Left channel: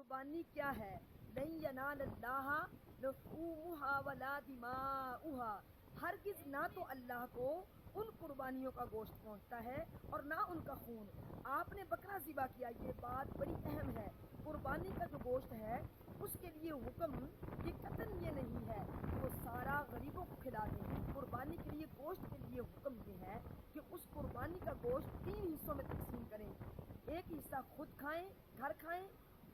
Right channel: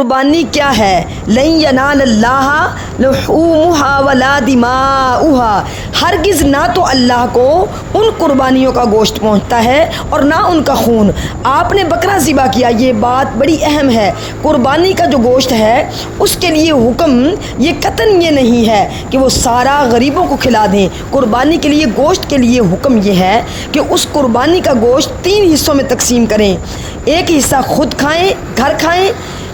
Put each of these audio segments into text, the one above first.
قربانی کیا ہے؟ لن ینال اللہ لحومہا ولا دماؤہا، ہرگز نہ تو اللہ کو ان قربانیوں کا گوشت پہنچتا ہے اور نہ ان کا خون۔ آپ نے بکرا ذبح کیا، یہ بات بڑی اہم ہے۔ قربانی کا جو گوشت ہے اس کے لیے حکم یہ قطعاً یہ نہیں ہے کہ وہ سارا غریبوں کو کھلا دیں۔ قربانی کے لیے گوشت کے لیے حکم یہ ہے کہ اس قربانی کا گوشت 3 حصوں میں تقسیم کریں۔ ایک حصہ خود کھائیں، گھر کھائیں،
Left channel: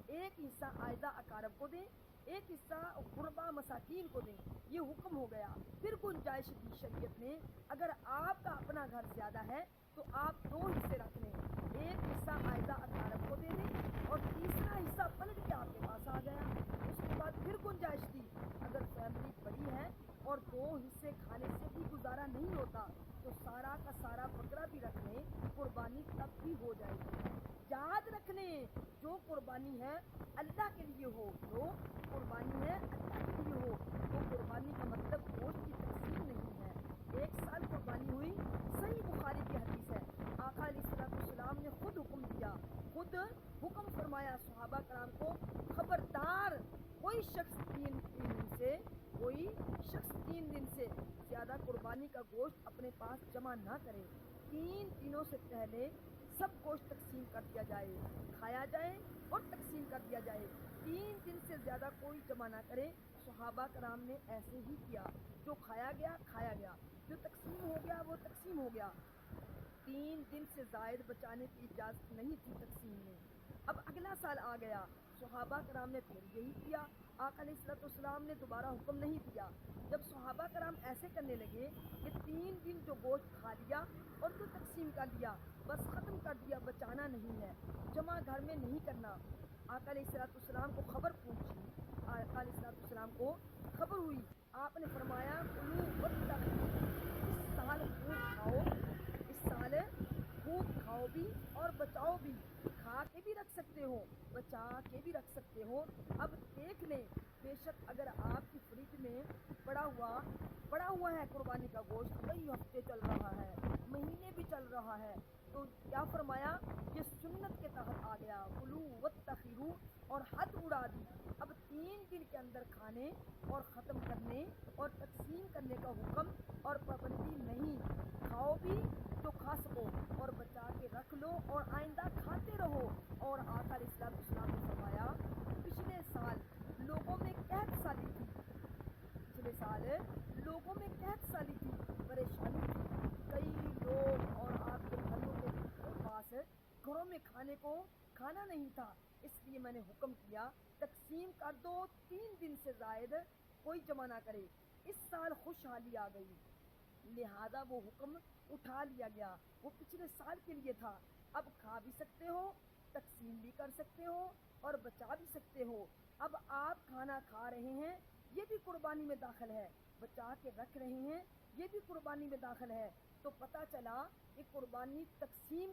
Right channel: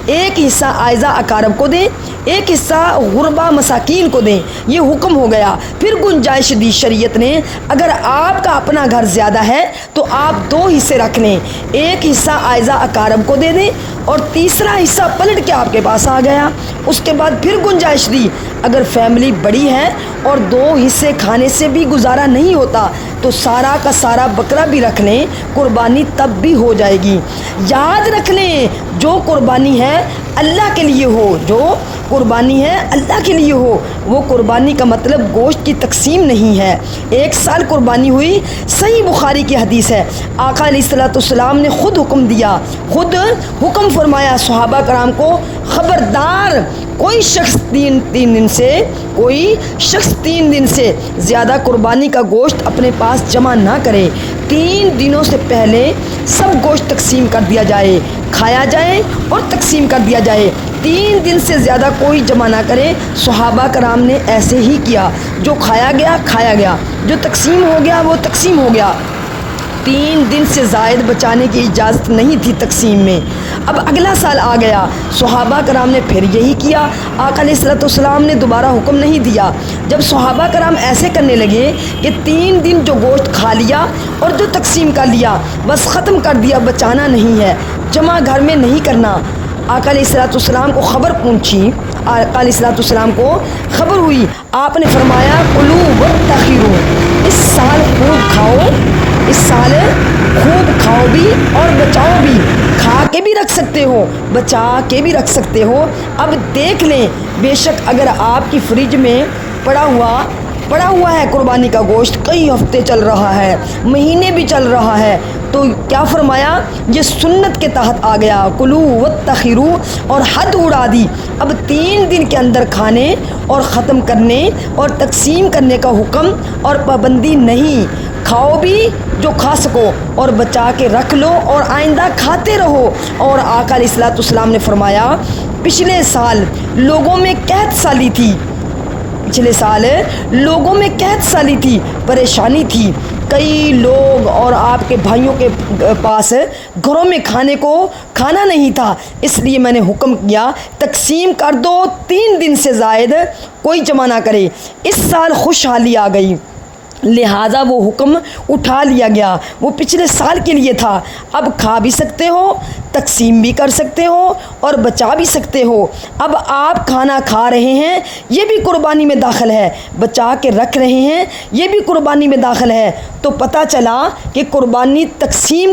ایک حصہ اعزاء اقارب کو دیں، ایک حصہ غربا مساکین کو دیں۔ یہ حکم ہو گیا۔ پھر گنجائش دی شریعت نے، اگر آپ کا اپنا گھر زیادہ ہے تو آپ 2 حصے رکھ لیں، ایک حصہ اعزاء اقارب کو دے دیں اور تیسرا حصہ پلٹ کے آپ کے پاس آ گیا۔ اس کے بعد پھر گنجائش دی، اگر فیملی بڑی ہے اور 2 حصے کھانے سے بھی گزارا نہیں ہوتا تو سارا کا سارا بکرا بھی رکھ لیں، قربانی تب بھی ہو جائے گی۔ یاد رکھ لیں، جو قربانی ہے اللہ کے لیے ہو، جو قربانی ہے اللہ کے لیے ہو، وہ قربانی کا مطلب گوشت کی تقسیم نہیں ہے۔ 1 سال قربانی ہوئی، صحیح بخاری کی حدیث ہے، آقا علیہ الصلوۃ والسلام نے خود حکم دیا، خود حکم فرمایا صحابہ کرام کو، خبردار کوئی شخص 3 دن سے زیادہ قربانی کا گوشت اپنے پاس جمع نہ کرے۔ 3 دنوں سے پہلے سب گوشت تقسیم کر دیا جائے، کھایا جائے اور تقسیم کر دیا جائے۔ 3 دن سے زیادہ کوئی جمع نہ کرے۔ صحابہ کرام نے ایسے ہی کیا، جو کھایا گیا کھایا گیا، جو تقسیم ہو گیا وہ تقسیم ہو گیا۔ 3 دن سے زائد بچانے کی اجازت نہیں تھی تقسیم میں۔ اب اگلا سال آ گیا، صحابہ کرام نے پھر یہی کیا، آقا علیہ الصلوۃ والسلام نے دوبارہ حکم نہیں دیا۔ جب صحابہ کرام ایسے کرنے لگے کہ 3 دن جو گوشت کھا لیا اور جو تقسیم کر لیا بس ختم کر دیا، بچانا نہیں ہے، جمع گھر میں نہیں کرنا۔ آقا علیہ الصلوۃ والسلام کو خبر پہنچی، آقا علیہ الصلوۃ والسلام کو خبر ہوئی، آپ نے فرمایا کلوا وادخروا، اس سال خوب کھاؤ، اس سال خوب کھاؤ بھی اور بچاؤ بھی۔ کھا کے بھی رکھ سکتے ہو، بچا کے بھی رکھ سکتے ہو۔ اب دیکھ لیں، بے شک اگر آپ کی فریج میں پڑا ہوا ہے قربانی کا گوشت، کئی ہفتے چل رہا ہے، مہینے بھی چل رہا ہے، تو کیا فرمایا؟ یہ سنت کے تحت آ گیا، کلوا وادخروا، اور حد اڑا دی۔ اب 3 دن کے اندر کھانے اور ختم کرنے اور تقسیم کرنے کا حکم اور پابندی نہیں۔ کھاؤ بھی جو کھا سکو اور بچا کے رکھ لو اور آئندہ کھاتے رہو۔ اور آقا علیہ الصلوۃ والسلام نے فرمایا، پچھلے سال لوگوں میں قحط سالی تھی، پریشانی تھی، کئی لوگ اور آپ کے بھائیوں کے پاس گھروں میں کھانے کو کھانا نہیں تھا، اس لیے میں نے حکم کیا تقسیم کر دو، 3 دن سے زائد کوئی جمع نہ کرے۔ اس سال خوشحالی آ گئی، لہٰذا وہ حکم اٹھا لیا گیا، وہ پچھلے سال کے لیے تھا۔ اب کھا بھی سکتے ہو، تقسیم بھی کر سکتے ہو اور بچا بھی سکتے ہو۔ اب آپ کھانا کھا رہے ہیں، یہ بھی قربانی میں داخل ہے، بچا کے رکھ رہے ہیں، یہ بھی قربانی میں داخل ہے۔ تو پتہ چلا کہ قربانی میں تقسیم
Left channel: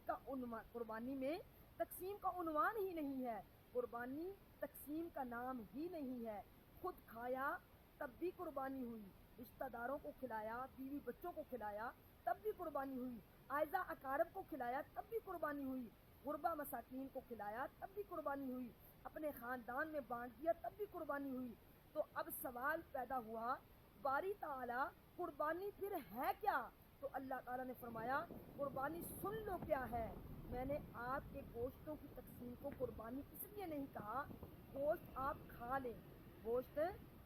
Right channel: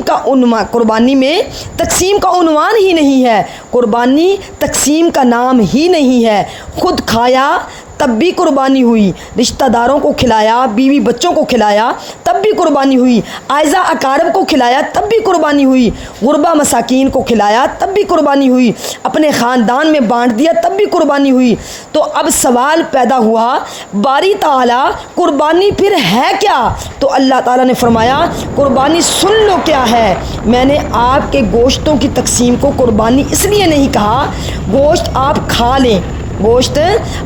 کا عنوان ہی نہیں ہے، قربانی تقسیم کا نام ہی نہیں ہے۔ خود کھایا تب بھی قربانی ہوئی، رشتہ داروں کو کھلایا، بیوی بچوں کو کھلایا تب بھی قربانی ہوئی، اعزاء اقارب کو کھلایا تب بھی قربانی ہوئی، غربا مساکین کو کھلایا تب بھی قربانی ہوئی، اپنے خاندان میں بانٹ دیا تب بھی قربانی ہوئی۔ تو اب سوال پیدا ہوا، باری تعالیٰ قربانی پھر ہے کیا؟ تو اللہ تعالیٰ نے فرمایا، قربانی سن لو کیا ہے۔ میں نے آپ کے گوشتوں کی تقسیم کو قربانی اس لیے نہیں کہا، گوشت آپ کھا لیں، گوشت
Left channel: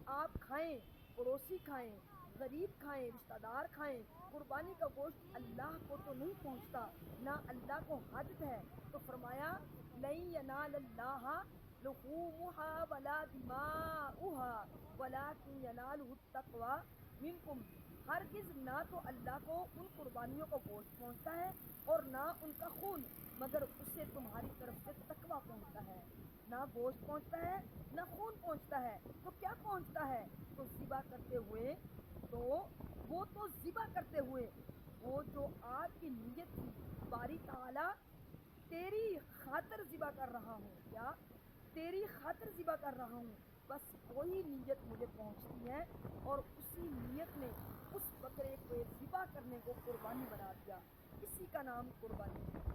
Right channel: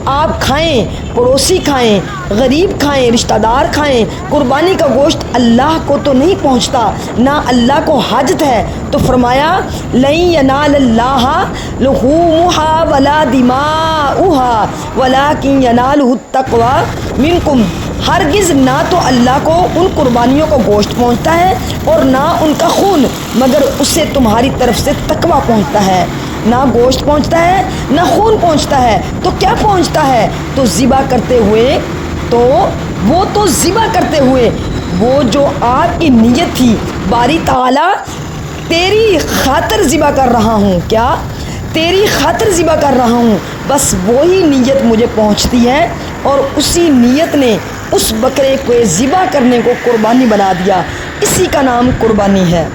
آپ کھائیں، پڑوسی کھائیں، غریب کھائیں، رشتہ دار کھائیں۔ قربانی کا گوشت اللہ کو تو نہیں پہنچتا، نہ اللہ کو حاجت ہے۔ تو فرمایا لن ینال اللہ لحومہا ولا دماؤہا ولکن ینالہ التقوی منکم، ہرگز نہ تو اللہ کو ان قربانیوں کا گوشت پہنچتا ہے اور نہ ان کا خون، مگر اسے تمہاری طرف سے تقوی پہنچتا ہے۔ نہ گوشت پہنچتا ہے نہ خون پہنچتا ہے، تو کیا پہنچتا ہے؟ تو ذبح کرتے ہوئے وہ جو آپ کی نیت تھی، باری تعالیٰ تیری خاطر ذبح کر رہا ہوں، کیا تیری خاطر ذبح کر رہا ہوں، بس وہی نیت مجھے پہنچتی ہے، اور اسی نیت نے اس بکرے کو ذبح کرنے کو قربانی بنا دیا، اسی کا نام قربانی ہے۔